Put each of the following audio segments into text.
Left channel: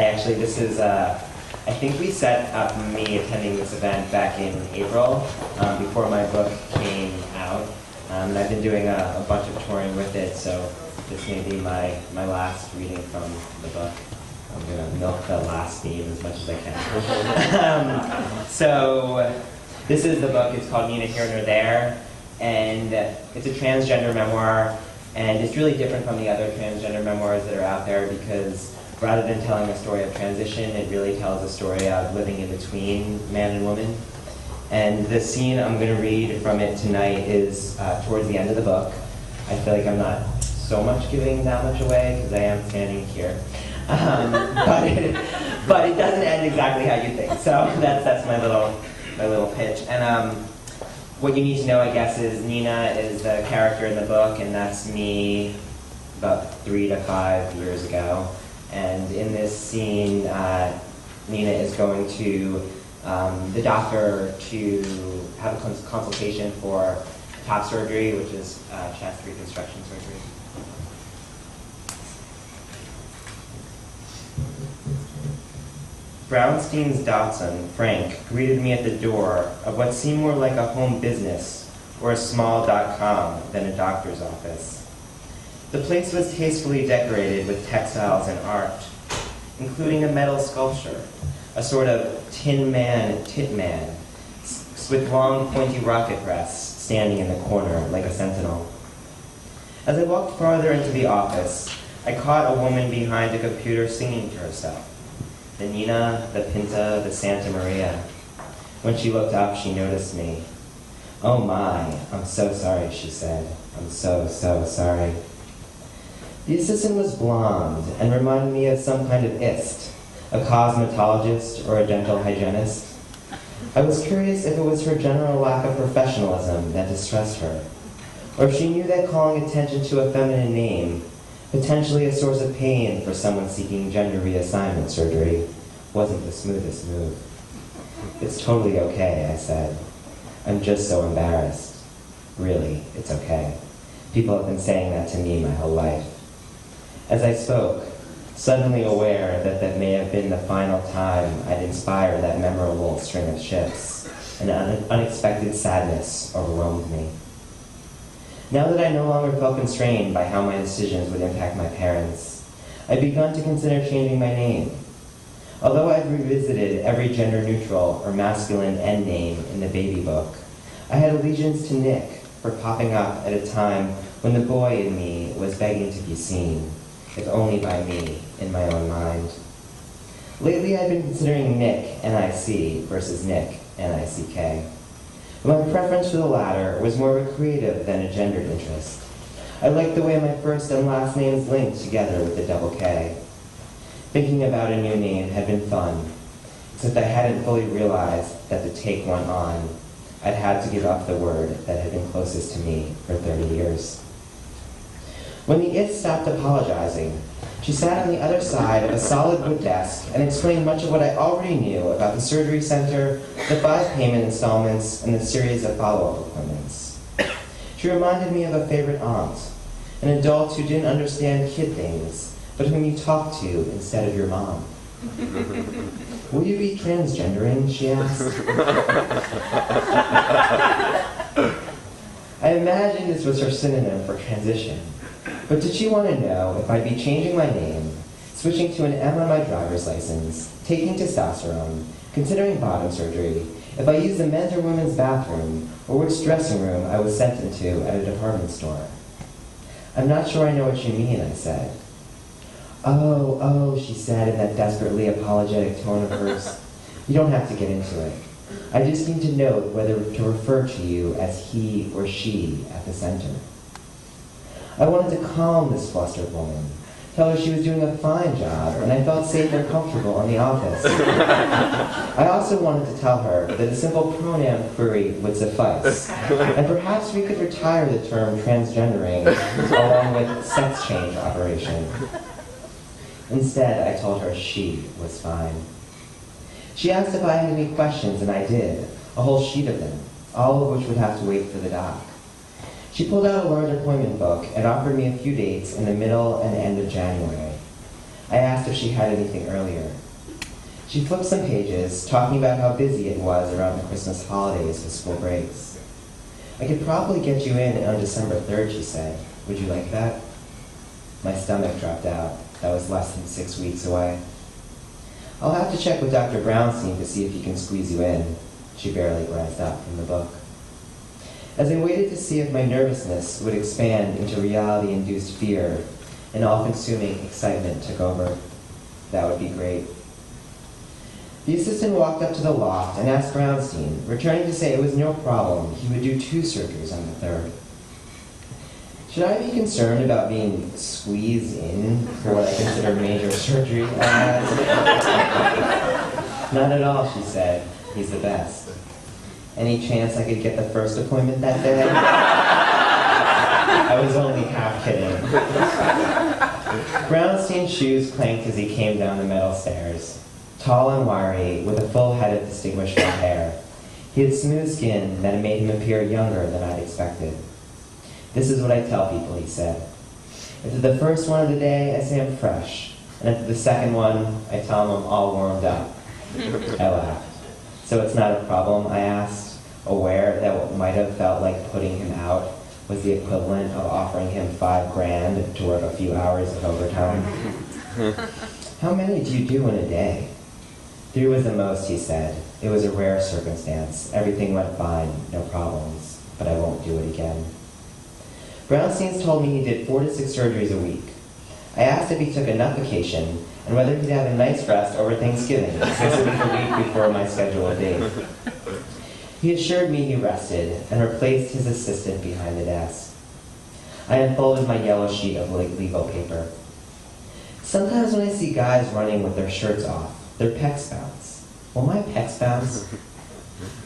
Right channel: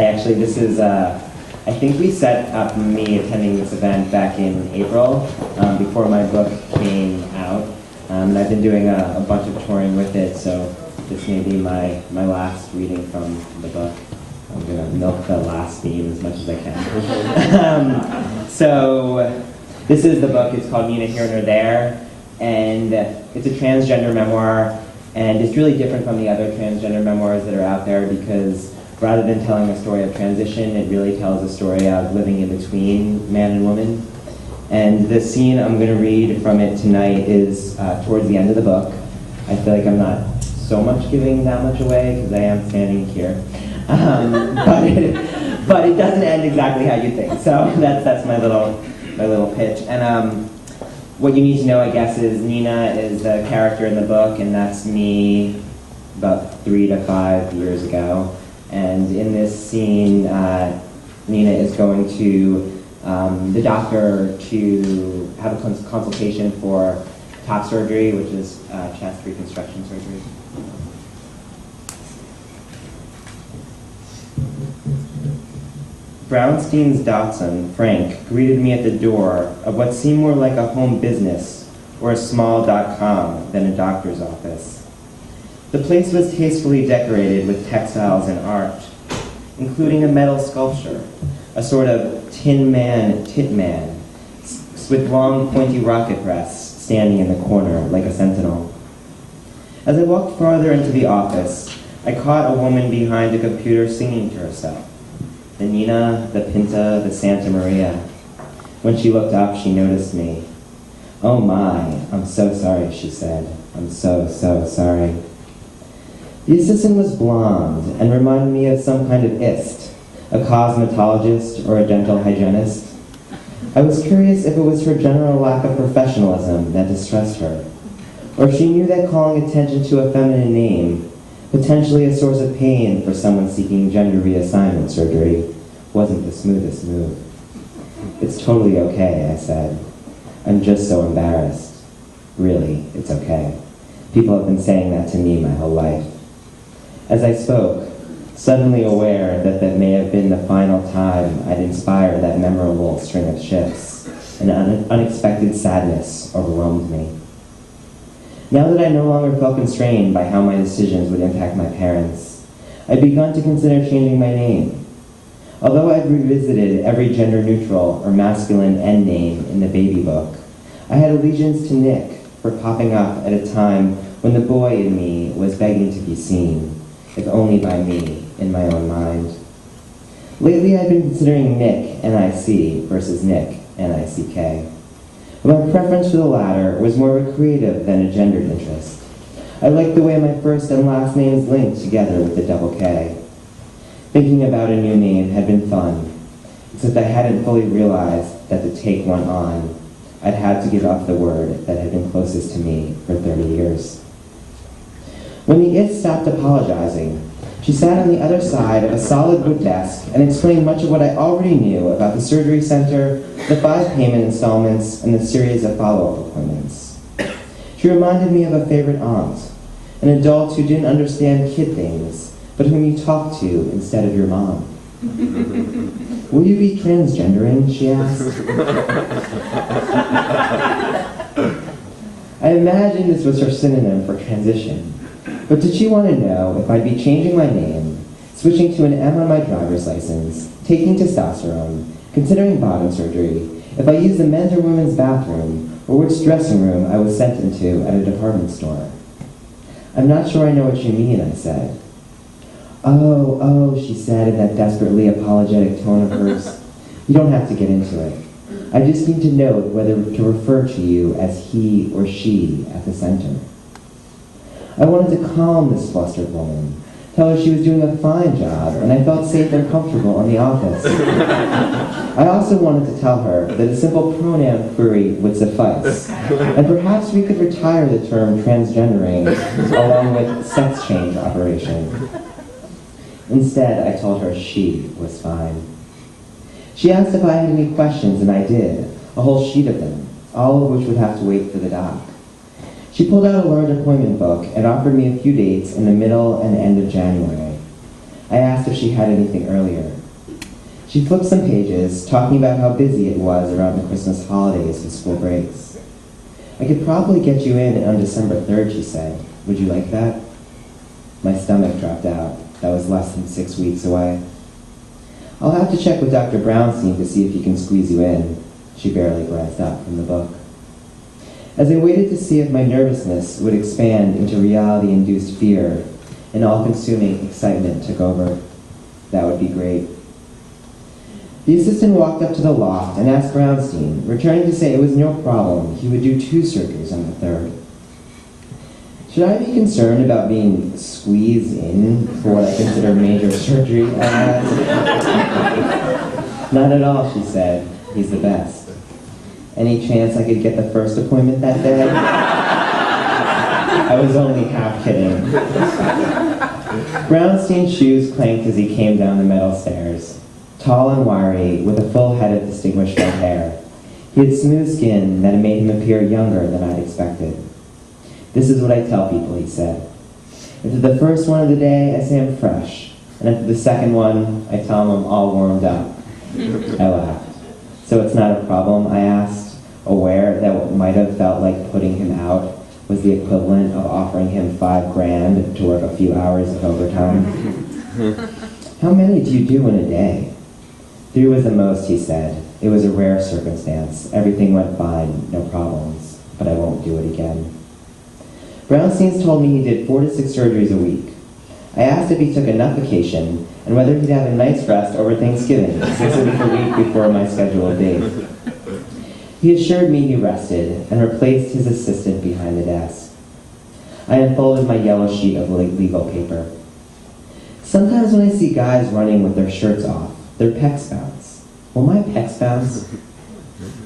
This is, I think we set up me attending this event back in April, before my book came out. And I've been doing a bunch of touring with it, so this may be my last reading from the book. I'm going to milk the last theme as much as I can. So this is the book. It's called Nina Here Nor There, and it's a transgender memoir, and it's really different from the other transgender memoirs that are out there because rather than telling a story of transition, it really tells a story of living in between man and woman. And the scene I'm going to read from it tonight is towards the end of the book. I feel like I'm not so much giving that much away because I am standing here. But it doesn't end exactly how you think. So that's my little pitch. And what you need to know, I guess, is Nina is the character in the book, and that's me about 3 to 5 years ago. And in this scene, Nina is going to the doctor to have a consultation for top surgery, which is chest reconstruction surgery. Brownstein's Dachshund, Frank, greeted me at the door of what seemed more like a home business or a small .com than a doctor's office. The place was tastefully decorated with textiles and art, including a metal sculpture, a sort of Tin Man tit man, with long pointy rocket breasts standing in the corner like a sentinel. As I walked farther into the office, I caught a woman behind a computer singing to herself. The Nina, the Pinta, the Santa Maria. When she looked up, she noticed me. "Oh my, I'm so sorry," she said. "I'm so sorry." The assistant was blonde and reminded me of some kind of ist, a cosmetologist or a dental hygienist. I was curious if it was her general lack of professionalism that distressed her, or if she knew that calling attention to a feminine name, potentially a source of pain for someone seeking gender reassignment surgery, wasn't the smoothest move. "It's totally okay," I said. "I'm just so embarrassed." Really, it's okay. People have been saying that to me my whole life. As I spoke, suddenly aware that that may have been the final time I'd inspire that memorable string of shifts, an unexpected sadness overwhelmed me. Now that I no longer felt constrained by how my decisions would impact my parents, I'd begun to consider changing my name. Although I'd revisited every gender-neutral or masculine end name in the baby book, I had allegiance to Nick for popping up at a time when the boy in me was begging to be seen, if only by me, in my own mind. Lately I'd been considering Nick, N-I-C, versus Nick, N-I-C-K. But my preference for the latter was more of a creative than a gendered interest. I liked the way my first and last names linked together with the double K. Thinking about a new name had been fun, except I hadn't fully realized that to take one on, I'd had to give up the word that had been closest to me for 30 years. When the it stopped apologizing, she sat on the other side of a solid wood desk and explained much of what I already knew about the surgery center, the 5 payment installments, and the series of follow-up appointments. She reminded me of a favorite aunt, an adult who didn't understand kid things, but whom you talked to instead of your mom. "Will you be transgendering?" she asked. I imagined this was her synonym for transition. But did she want to know if I'd be changing my name, switching to an M on my driver's license, taking testosterone, considering bottom surgery, if I used the men's or women's bathroom, or which dressing room I was sent into at a department store? "I'm not sure I know what you mean," I said. Oh, she said in that desperately apologetic tone of hers. "You don't have to get into it. I just need to know whether to refer to you as he or she at the center." I wanted to calm this flustered woman, tell her she was doing a fine job, and I felt safe and comfortable in the office. I also wanted to tell her that a simple pronoun query would suffice, and perhaps we could retire the term transgendering along with sex change operation. Instead, I told her she was fine. She asked if I had any questions, and I did, a whole sheet of them, all of which would have to wait for the doc. She pulled out a large appointment book and offered me a few dates in the middle and end of January. I asked if she had anything earlier. She flipped some pages, talking about how busy it was around the Christmas holidays with school breaks. I could probably get you in on December 3rd, she said. Would you like that? My stomach dropped out. That was less than 6 weeks away. I'll have to check with Dr. Brownstein to see if he can squeeze you in. She barely glanced up from the book. As I waited to see if my nervousness would expand into reality-induced fear, an all-consuming excitement took over. That would be great. The assistant walked up to the loft and asked Brownstein, returning to say it was no problem. He would do 2 surgeries on the 3rd. Should I be concerned about being squeezed in for what I consider major surgery? I asked. Not at all, she said. He's the best. Any chance I could get the first appointment that day? I was only half kidding. Brownstein's shoes clanked as he came down the metal stairs. Tall and wiry, with a full head of distinguished red hair. He had smooth skin that made him appear younger than I'd expected. This is what I tell people, he said. After the first one of the day, I say I'm fresh. And after the second one, I tell them I'm all warmed up. I laughed. So it's not a problem, I asked, aware that what might have felt like putting him out was the equivalent of offering him $5,000 to work a few hours of overtime. How many do you do in a day? 3 was the most, he said. It was a rare circumstance. Everything went fine, no problems, but I won't do it again. Brownstein's told me he did 4 to 6 surgeries a week. I asked if he took enough vacation and whether he'd have a nice rest over Thanksgiving, since it was the week before my scheduled date. He assured me he rested and replaced his assistant behind the desk. I unfolded my yellow sheet of legal paper. Sometimes when I see guys running with their shirts off, their pecs bounce. Will my pecs bounce?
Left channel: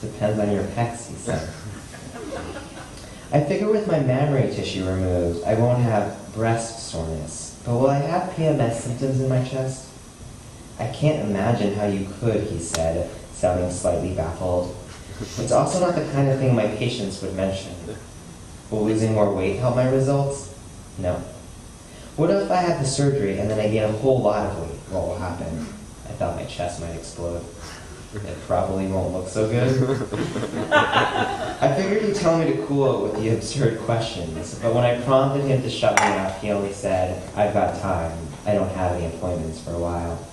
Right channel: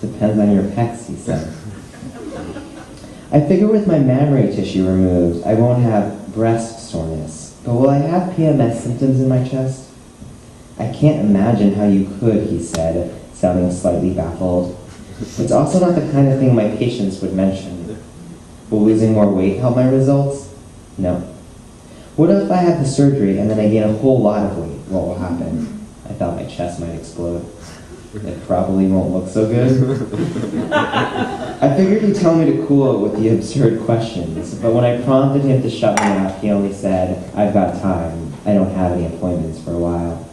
Depends on your pecs, he said. I figure with my mammary tissue removed, I won't have breast soreness. But will I have PMS symptoms in my chest? I can't imagine how you could, he said, sounding slightly baffled. It's also not the kind of thing my patients would mention. Will losing more weight help my results? No. What if I have the surgery and then I gain a whole lot of weight? What will happen? I thought my chest might explode. It probably won't look so good. I figured he'd tell me to cool it with the absurd questions, but when I prompted him to shut me up, he only said, I've got time. I don't have any appointments for a while.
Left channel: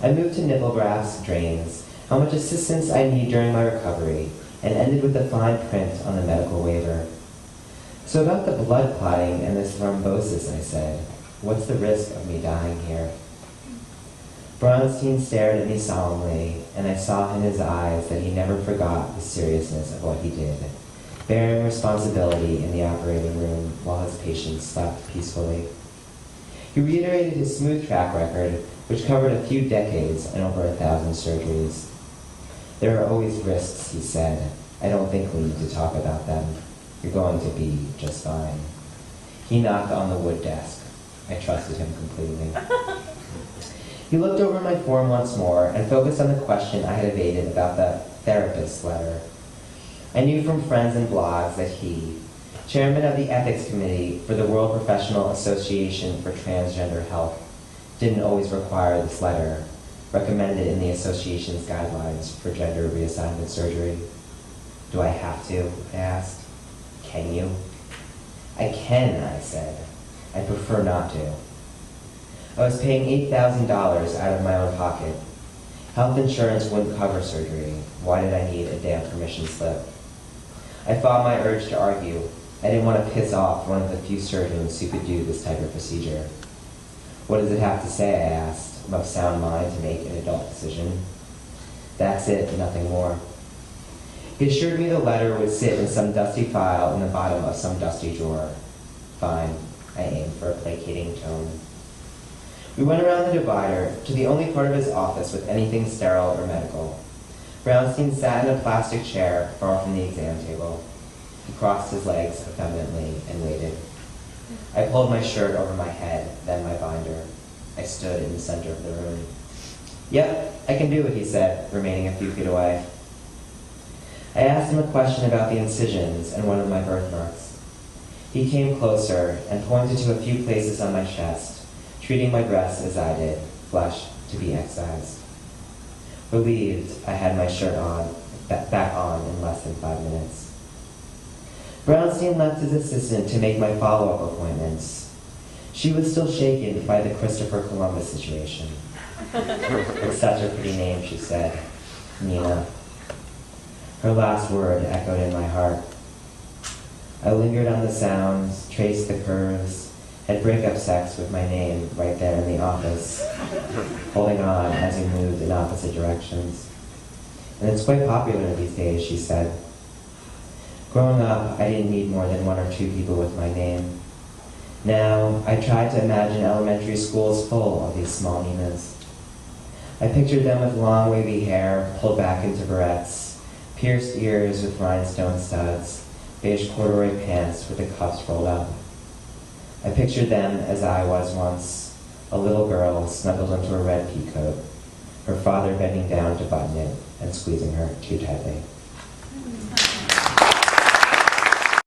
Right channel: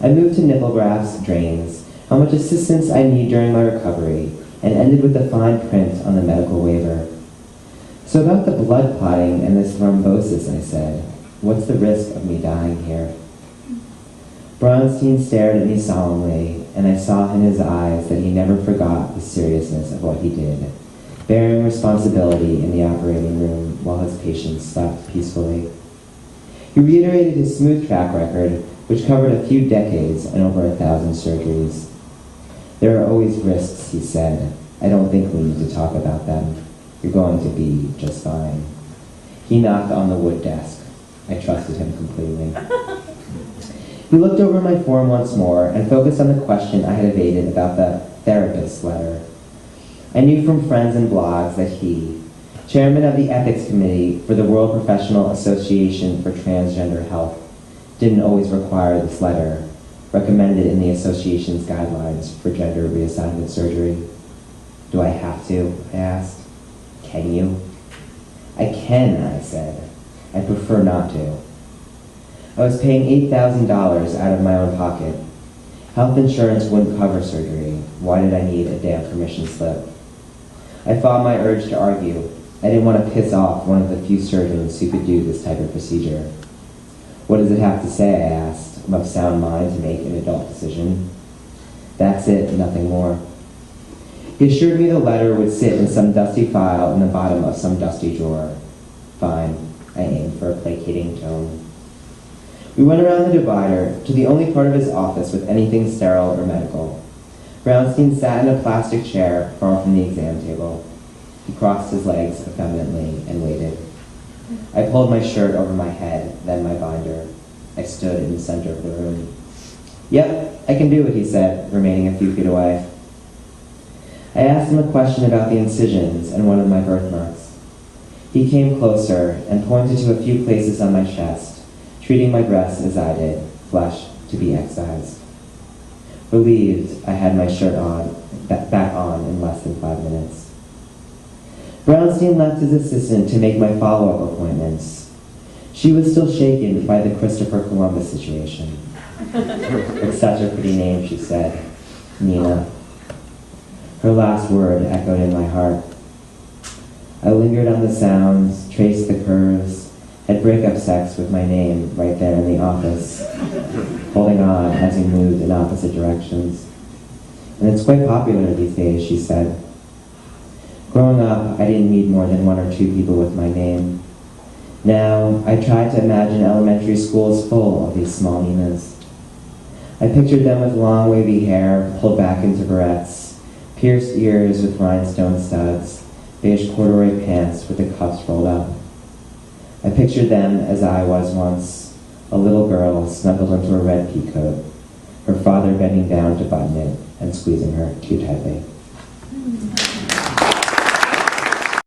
I moved to nipple grafts, drains, how much assistance I need during my recovery, and ended with the fine print on the medical waiver. So about the blood clotting and this thrombosis, I said, what's the risk of me dying here? Brownstein stared at me solemnly, and I saw in his eyes that he never forgot the seriousness of what he did, bearing responsibility in the operating room while his patients slept peacefully. He reiterated his smooth track record, which covered a few decades and over 1,000 surgeries. There are always risks, he said. I don't think we need to talk about them. You're going to be just fine. He knocked on the wood desk. I trusted him completely. He looked over my form once more and focused on the question I had evaded about the therapist's letter. I knew from friends and blogs that he, chairman of the ethics committee for the World Professional Association for Transgender Health, didn't always require this letter, recommended in the association's guidelines for gender reassignment surgery. Do I have to? I asked. Can you? I can, I said. I prefer not to. I was paying $8,000 out of my own pocket. Health insurance wouldn't cover surgery. Why did I need a damn permission slip? I fought my urge to argue. I didn't want to piss off one of the few surgeons who could do this type of procedure. What does it have to say, I asked. I'm of sound mind to make an adult decision. That's it, nothing more. He assured me the letter would sit in some dusty file in the bottom of some dusty drawer. Fine, I aimed for a placating tone. We went around the divider to the only part of his office with anything sterile or medical. Brownstein sat in a plastic chair far from the exam table. He crossed his legs effeminately and waited. I pulled my shirt over my head, then my binder. I stood in the center of the room. Yep, I can do it, he said, remaining a few feet away. I asked him a question about the incisions and one of my birthmarks. He came closer and pointed to a few places on my chest, treating my breasts as I did, flesh to be excised. Relieved, I had my shirt back on in less than 5 minutes. Brownstein left his assistant to make my follow-up appointments. She was still shaken by the Christopher Columbus situation. It's such a pretty name, she said. Nina. Her last word echoed in my heart. I lingered on the sounds, traced the curves, had breakup sex with my name right there in the office, holding on as we moved in opposite directions. And it's quite popular these days, she said. Growing up, I didn't meet more than 1 or 2 people with my name. Now, I tried to imagine elementary schools full of these small Ninas. I pictured them with long wavy hair pulled back into barrettes, pierced ears with rhinestone studs, beige corduroy pants with the cuffs rolled up. I pictured them as I was once, a little girl snuggled into a red peacoat, her father bending down to button it and squeezing her too tightly.